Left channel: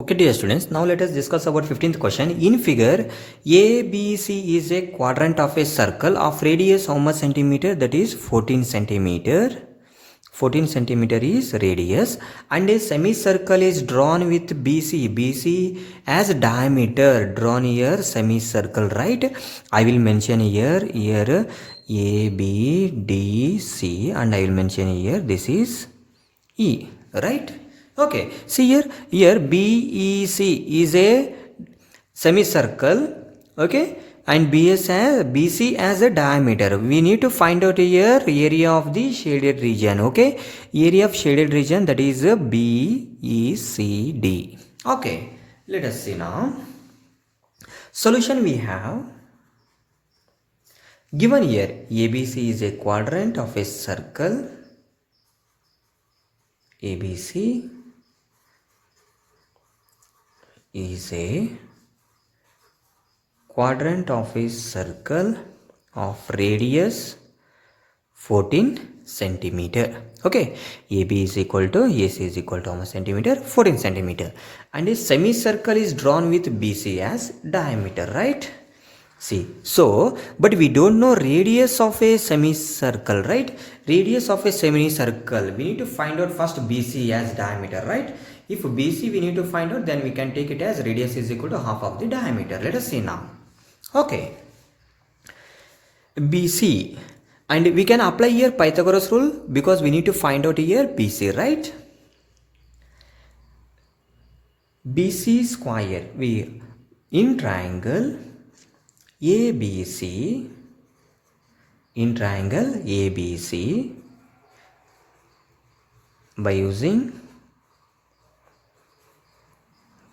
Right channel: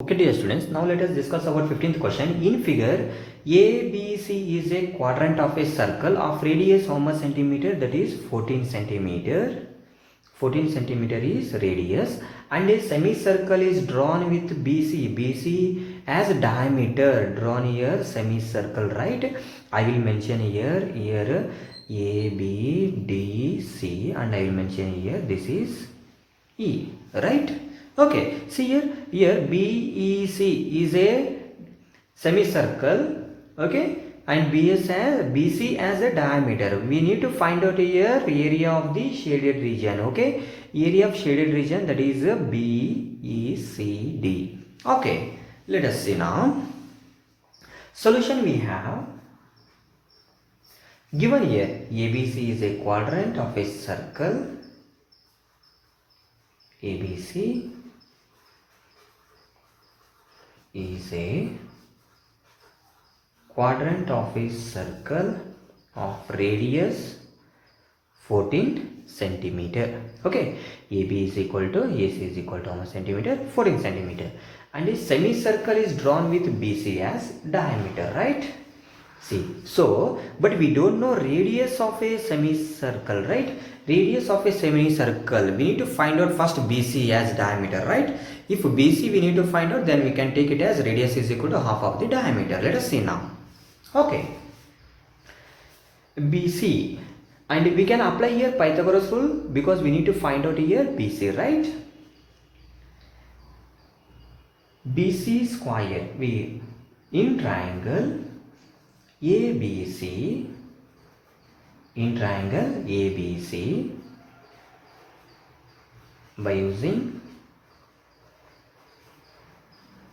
Okay, dear students, now let us discuss about 15th question. In figure, ABC is a quadrant of a circle of radius how much centimeter? That is 14 centimeter. 14 centimeter is radius, and a semicircle is drawn with BC. BC as diameter, drawn here semicircle, right? I will mention here A, B, D, C, and I will mention here this is E, right? Okay, see here BEC is a semicircle, okay, and BC as a diameter. We need to find out here area of the shaded region, okay, area of shaded region, that is BECD. Okay, let us see now. Solution we have given here. ABC is a quadrant of a circle. ABC is a quadrant of a circle of radius 14 centimeter. Okay, AB is equal to AC is equal to how much centimeter? 14 centimeter. And a semicircle is drawn with BC as diameter, right? See, so but we don't know radius of a semicircle, right? Radius of a semicircle, we need to find out first BC as diameter, right? If BC we need to find out, then we can take it as radius is equal to half of the diameter. Let us see now. Okay, BC, and we can apply here Pythagoras rule because we need to find out here BC, right? BC square, we in triangle ABC, in triangle ABC, by using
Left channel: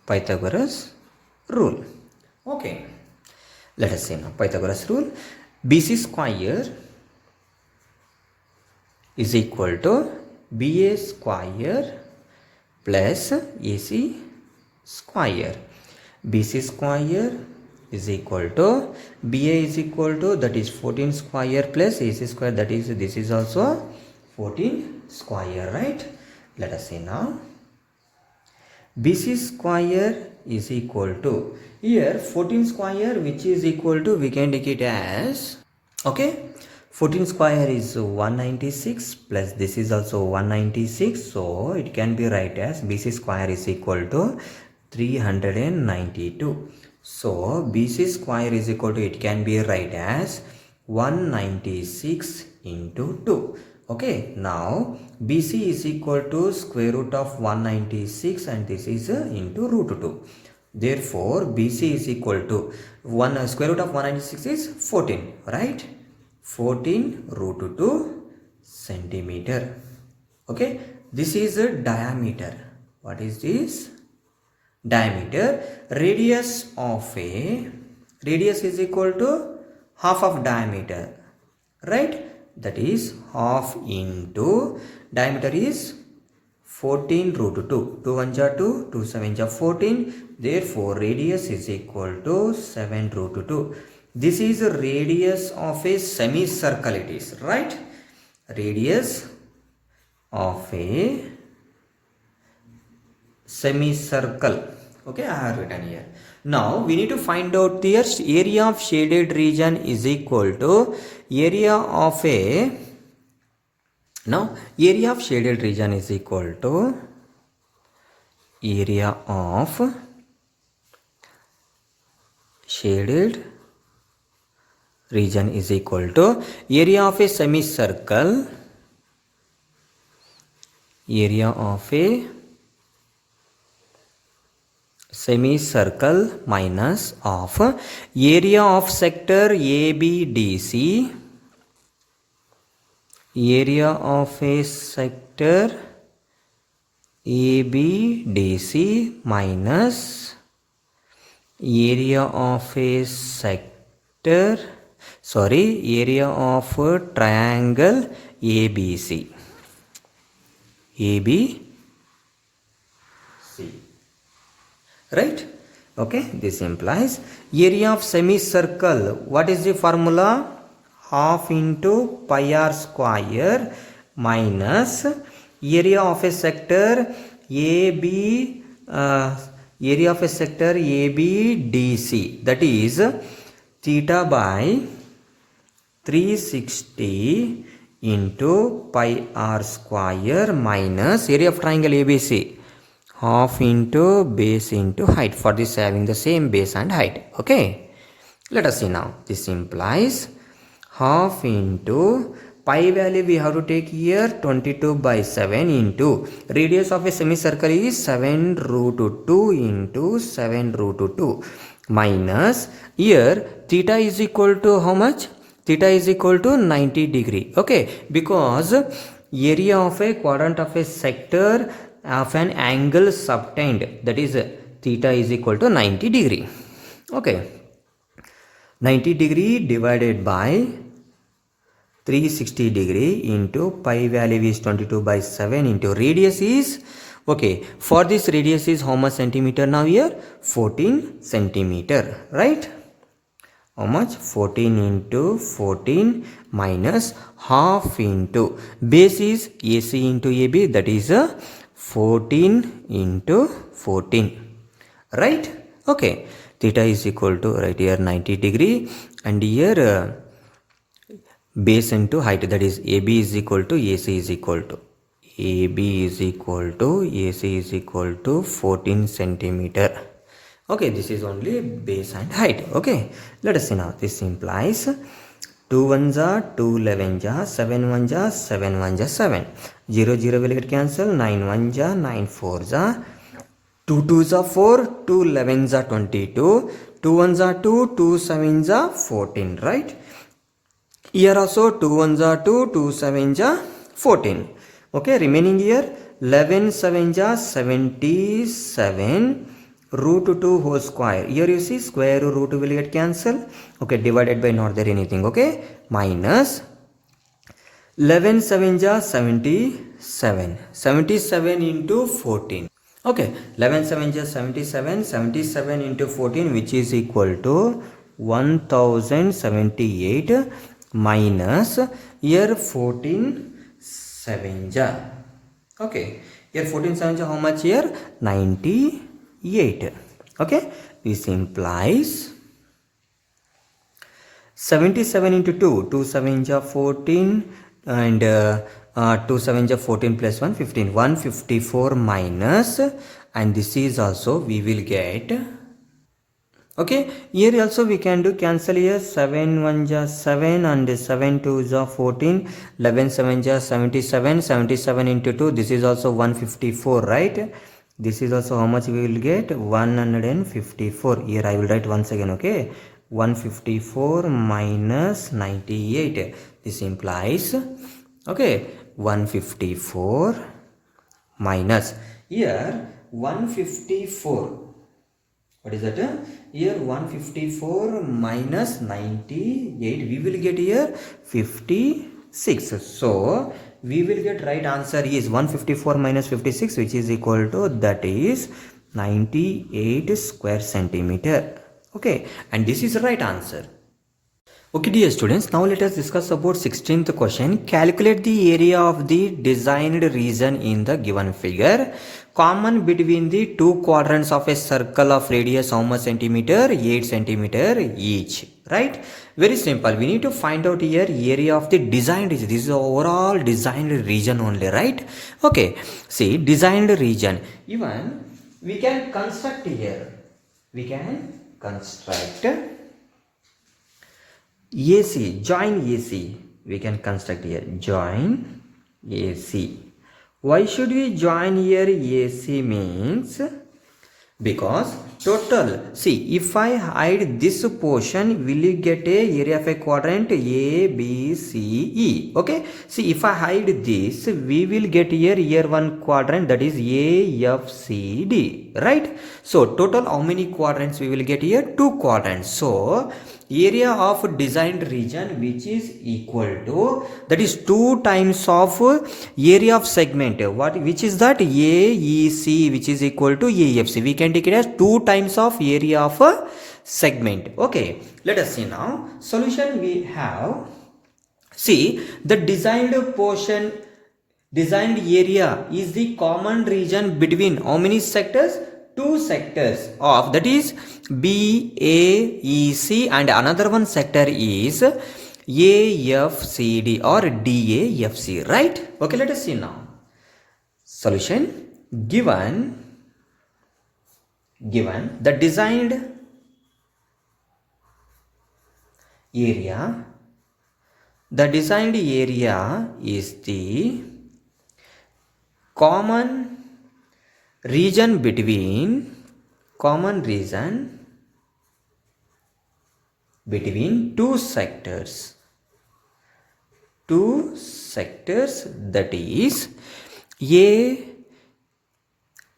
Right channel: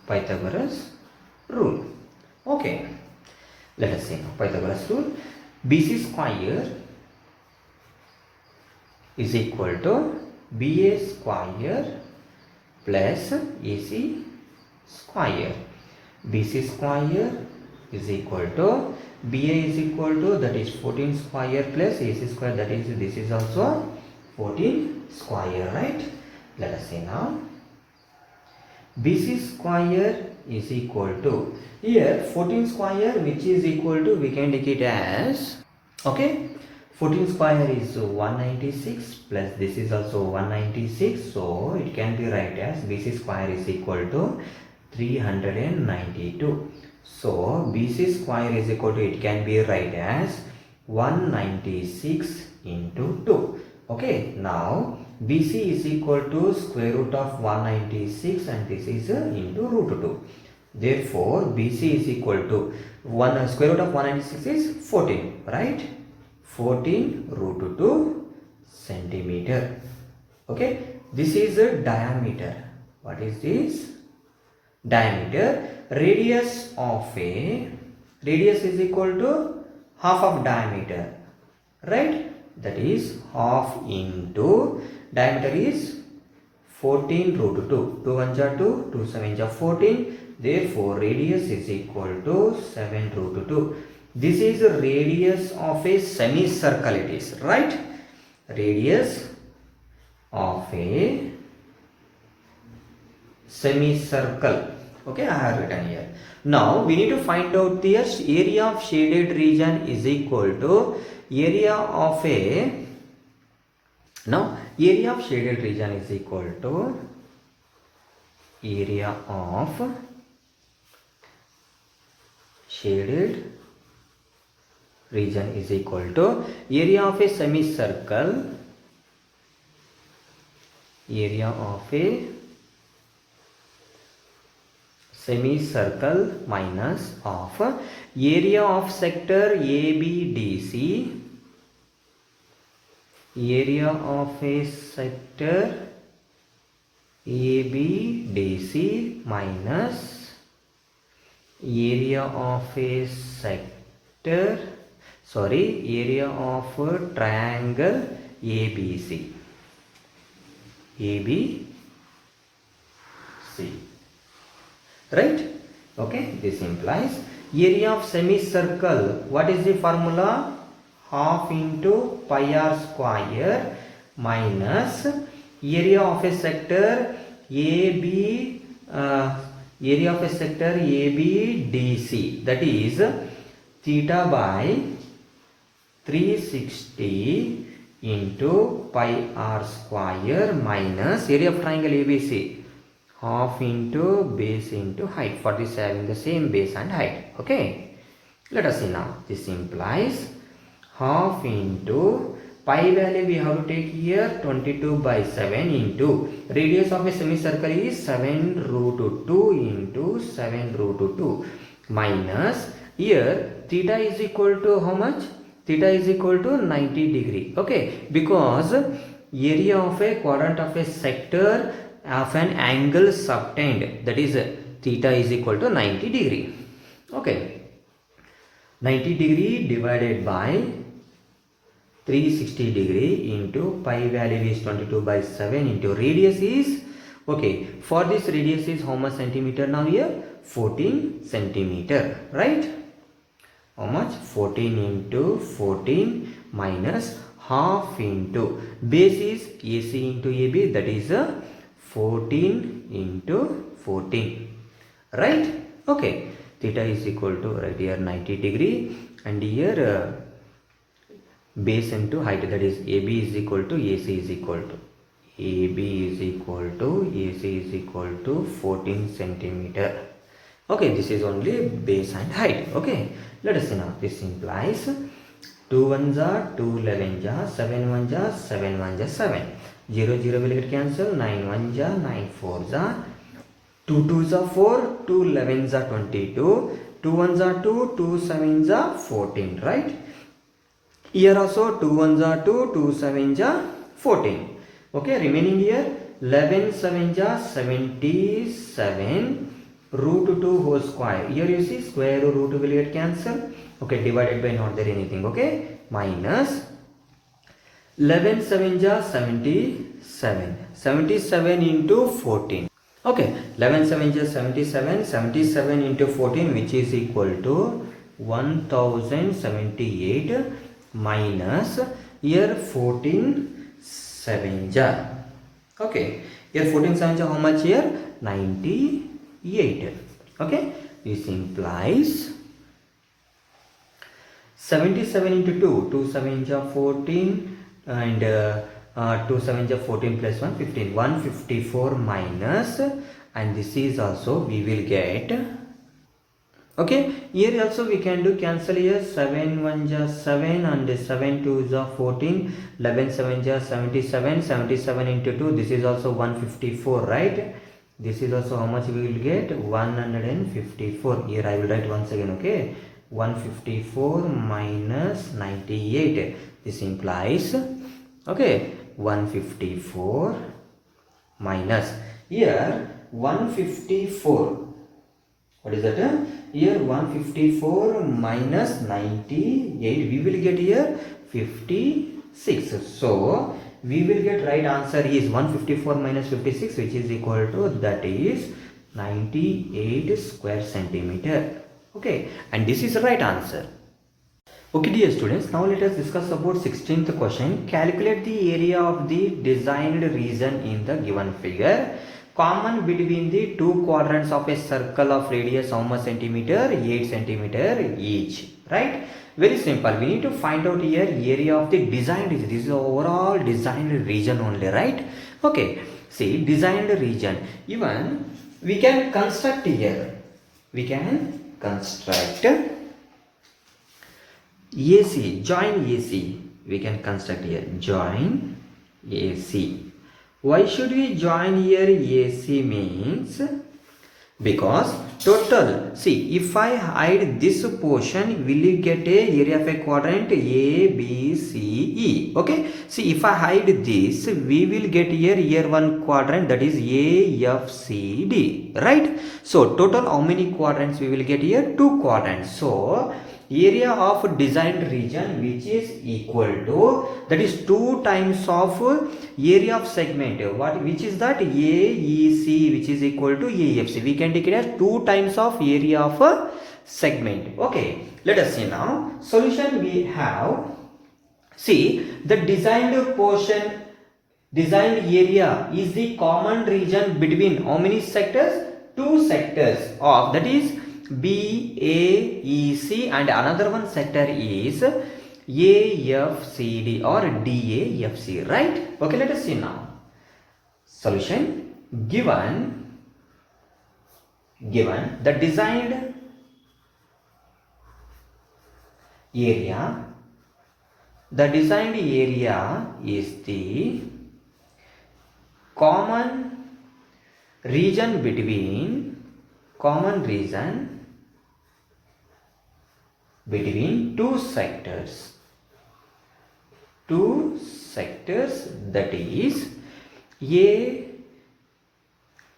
Pythagoras rule. Okay, let us see now. Pythagoras rule, BC square is equal to BA square plus AC square. BC square is equal to BA is equal to, that is 14 square plus AC square, that is this is also 14 square, right? Let us see now. BC square is equal to, here 14 square, which is equal to, we can take it as, okay, 14 square is 196 plus this is also 196, so it can be write as BC square is equal to 392. So BC square is equal to, it can be write as 196 into 2. Okay, now BC is equal to square root of 196 and this is into root 2. Therefore BC is equal to square root of 196 is 14, right? 14 root 2 centimeter. Okay, this is a diameter. What is this? Diameter. Radius of a, radius is equal to half of diameter, right? That is half into diameter is 14 root 2. 2 1 ja 2, 2 7 ja 14. Therefore radius is equal to 7 root 2. This is the radius of a semicircle, it is, right? Radius of a semicircle. Okay, I have written here. Now we need to find out the area of shaded region is equal to area of a, now area of shaded region is equal to area of shaded region is equal to area of a semicircle, area of a semicircle minus of area of sector ABDC, area of a sector ABDC minus area of a sector, area of a triangle ABC, ABC, right? Okay, this implies area of semicircle. What is the formula? Half into pi r square minus area of a sector AB area of a sector ABDC, that is theta by 360 into pi r square minus area of triangle ABC, half into base into height, for this having the same base and height. Okay, let us see now. This implies half into pi value we have to take here 22 by 7 into radius of a semicircle is 7 root 2 into 7 root 2 minus here theta is equal to how much? Theta is equal to 90 degree. Okay, because area of a quadrant of a sector of an angle subtended, that is theta is equal to 90 degree. Okay, 90 degree divided by 360 degree into pi value is 22 by 7 into radius is, okay, for this radius is how much centimeter now here? 14 centimeter, right? How much? 14 into 14 minus half into base is AC into AB, that is 14 into 14, right? Okay, theta is equal to right here 90 degree and here base into height, that is AB is equal to AC is equal to AB is equal to AC is equal to 14 centimeter. Okay, this is only base and height. Okay, let us see now. This implies 2 1s are 2 11s are 7 1s are 7 1s are 7. 0 0 will get cancelled. 9 1s are 9 4s are 2 2s are 4. 2 11s are 22. 2 1s are 2. 2 7s are 14. Right? Here also 2 1s are 2. 2 7s are 14. Okay, remaining here 11 7s are 77. Root 2 whole square, here you see square root will get cancelled. Okay, divided by not there anything. Okay, minus 11 7 are 77. 77 into 14. Okay, 11 7 are 77. 77 into 14, which is equal to 1078 minus here 14 7 are. Okay, here 14 7 are how much here? 98. Okay, this implies 77 into 2, 2 7 are 14 and 2 7 are 14 plus 1 15, 154 minus, and this is also we will get. Okay, here also we can do cancel here. 7 1 are 7 and 7 2 are 14. 11 7 are 77. 77 into 2, this is also 154, right? This is also how much we will get? 154. Here I will write once again. Okay, 154 minus 98. This implies, okay, 154 minus here 154. What is that? Here 154 minus 98. We will get here 56. So we will get right answer is 154 minus 56, which is equal to, that is 98 square centimeter. Okay, and this is the right answer. Okay, dear students, now let us discuss about 16th question. Calculate the area of the designed region in the given figure. Common between the two quadrants of a circle of radius how much centimeter? 8 centimeter each. Right? Very simple. We need to find out here area of the designed region. This is the overall designed region only, right? Okay. See, designed region. Even we can construct here. We can construct AC. Join AC. We can construct here. Join AC. Why should we join here AC means? Because total, see, if I hide this portion, will you get a area of a quadrant A, B, C, E? Okay. See, if I hide this, we will get here one quadrant, that is A, F, C, D. Right? So, total how many quadrants we will get here? 2 quadrants. So, area of designed region which is equal to, that is 2 times of area of segment, which is that AEC, which is equal to AFC. We can take it as 2 times of area of a segment. Okay, let us see now. Solution we have, see, the designed area is the common region between how many sectors? two sectors of, that is BAEC, and another one sector is AFCD or DAFC, right? Okay, let us see now. Solution. Given the designed area, is the common region between two sectors, that is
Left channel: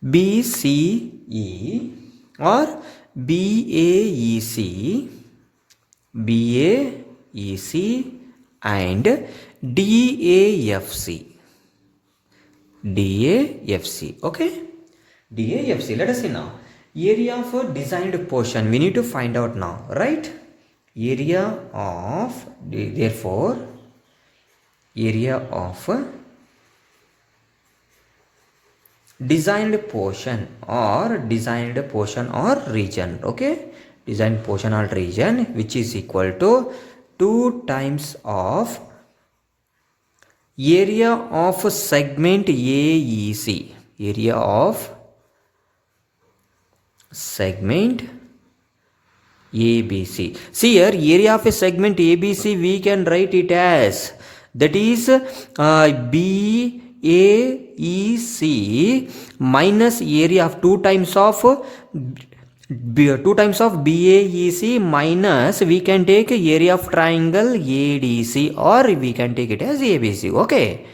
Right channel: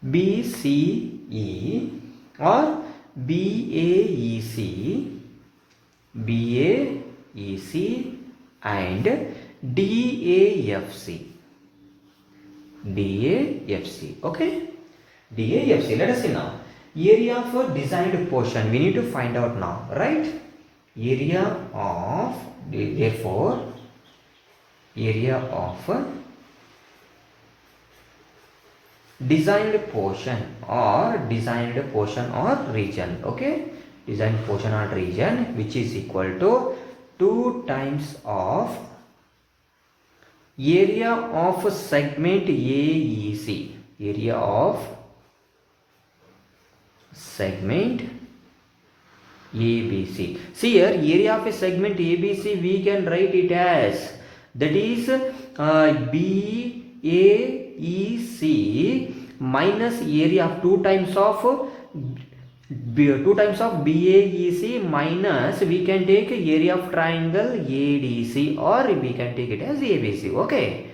ABCE or BAEC and DAFC. Okay, DAFC. Let us see now. Area of a designed portion. We need to find out now, right? Area of designed portion or region. Okay, designed portion or region, which is equal to 2 times of area of segment AEC. Area of segment ABC. See here, area of a segment ABC we can write it as, that is BAEC minus area of 2 times of BAEC minus, we can take area of triangle ADC, or we can take it as ABC. Okay,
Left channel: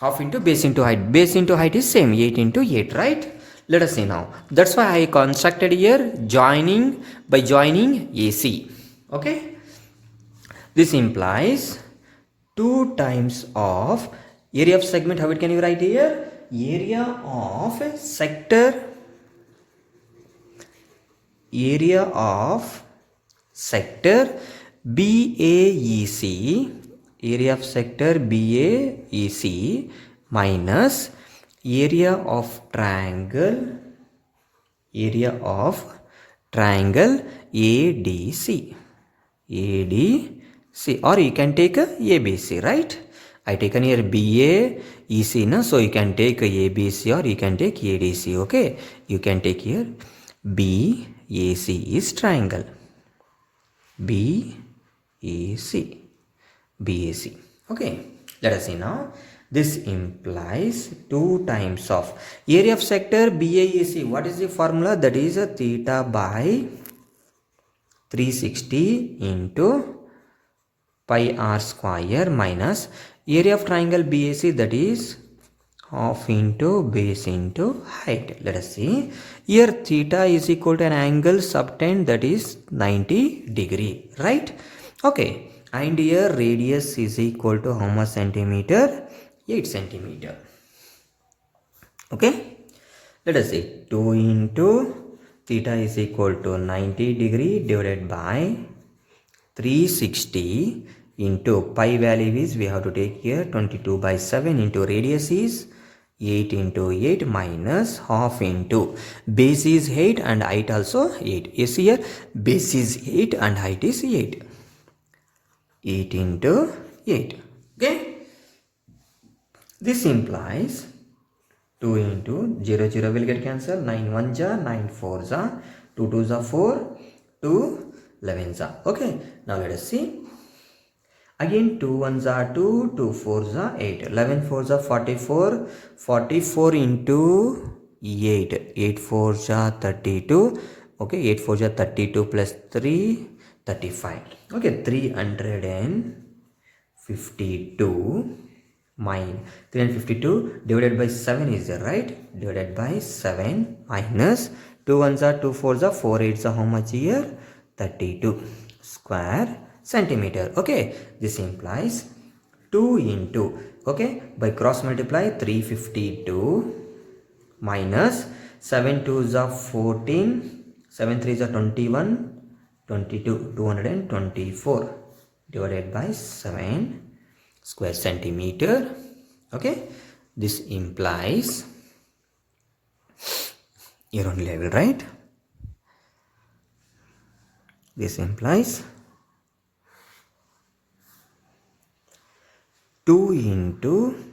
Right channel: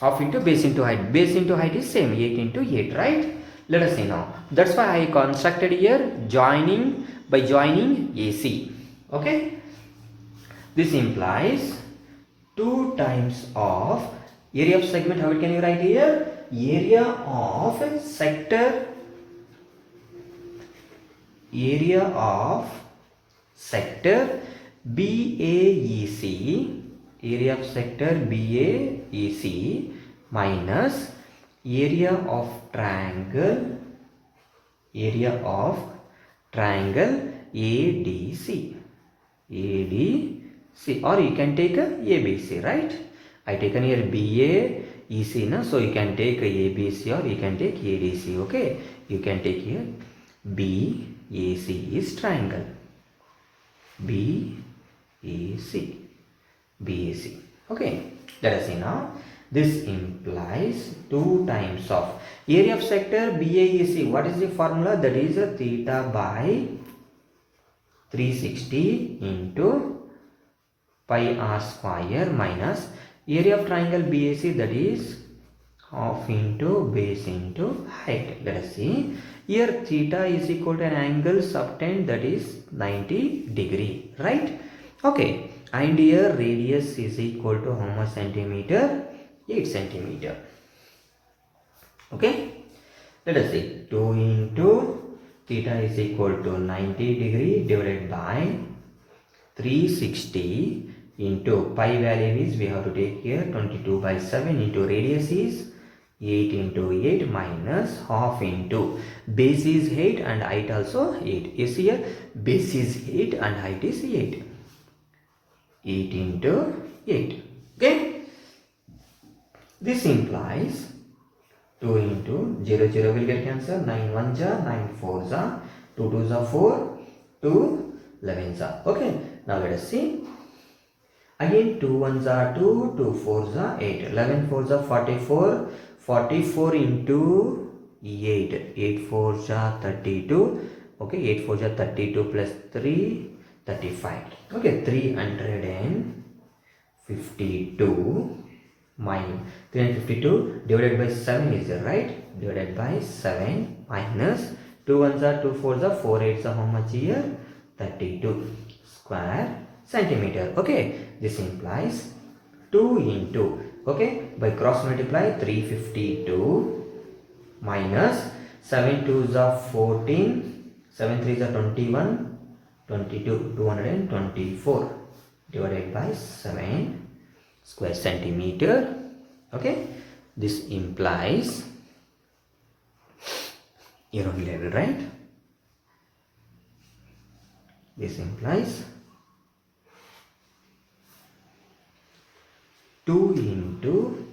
half into base into height. Base into height is same, 8 into 8, right? Let us see now. That's why I constructed here by joining AC. Okay, this implies 2 times of area of segment. How it can you write here? Area of sector BAEC, area of sector BAEC minus area of triangle ADC, or you can take a ABC, right? I taken here BAEC, na, so you can take ABC or you can take ADC. Okay, you can take here BAC is triangle, BAC. Okay, let us see now. This implies 2 times of area of sector BAEC. What is the formula? That is a theta by 360 into pi r square minus area of triangle BAC, that is half into base into height. Let us see. Here theta is equal to an angle subtend, that is 90 degree, right? Okay, and here radius is equal to how much centimeter? 8 centimeter. Okay, let us see. 2 into theta is equal to 90 degree divided by 360 into pi value is, we have to take here 22 by 7 into radius is 8 into 8 minus half into base is 8 and height also 8. Yes, here base is 8 and height is 8. 8 into 8. Okay, this implies 2 into 0 0 will get cancelled. 9 1 ja, 9 4 ja, 2 2 ja 4, 2 11 ja. Okay, now let us see. Again 2 1s are 2, 2 4s are 8, 11 4s are 44, 44 into 8, 8 4s are 32, okay, 8 4s are 32 plus 3, 35, okay, 352 minus 352 divided by 7 is there, right? Divided by 7 minus 2 1s are 2 4s are 4 8s are how much here? 32 square centimeter. Okay, this implies 2 into, okay, by cross multiply 352 minus 7 2s are 14, 7 3s are 21, 22, 224 divided by 7 square centimeter. Okay, this implies here only I will write. This implies 2 into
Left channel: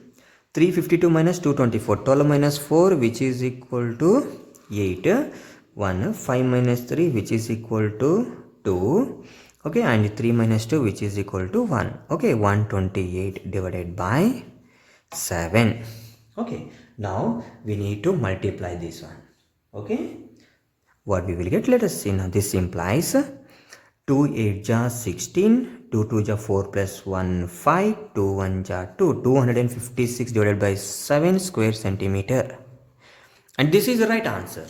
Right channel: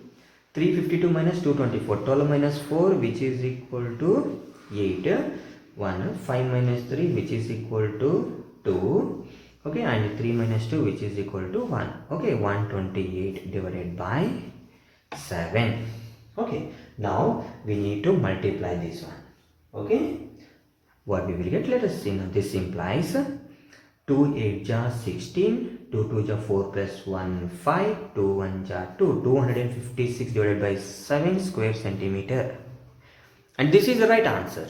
352 minus 224, 12 minus 4 which is equal to 8, 1, 5 minus 3 which is equal to 2, okay, and 3 minus 2 which is equal to 1, okay, 128 divided by 7. Okay, now we need to multiply this one. Okay, what we will get, let us see. Now this implies 2 8 ja 16, 2 2 ja 4 plus 1 5, 2 1 ja 2, 256 divided by 7 square centimeter, and this is the right answer.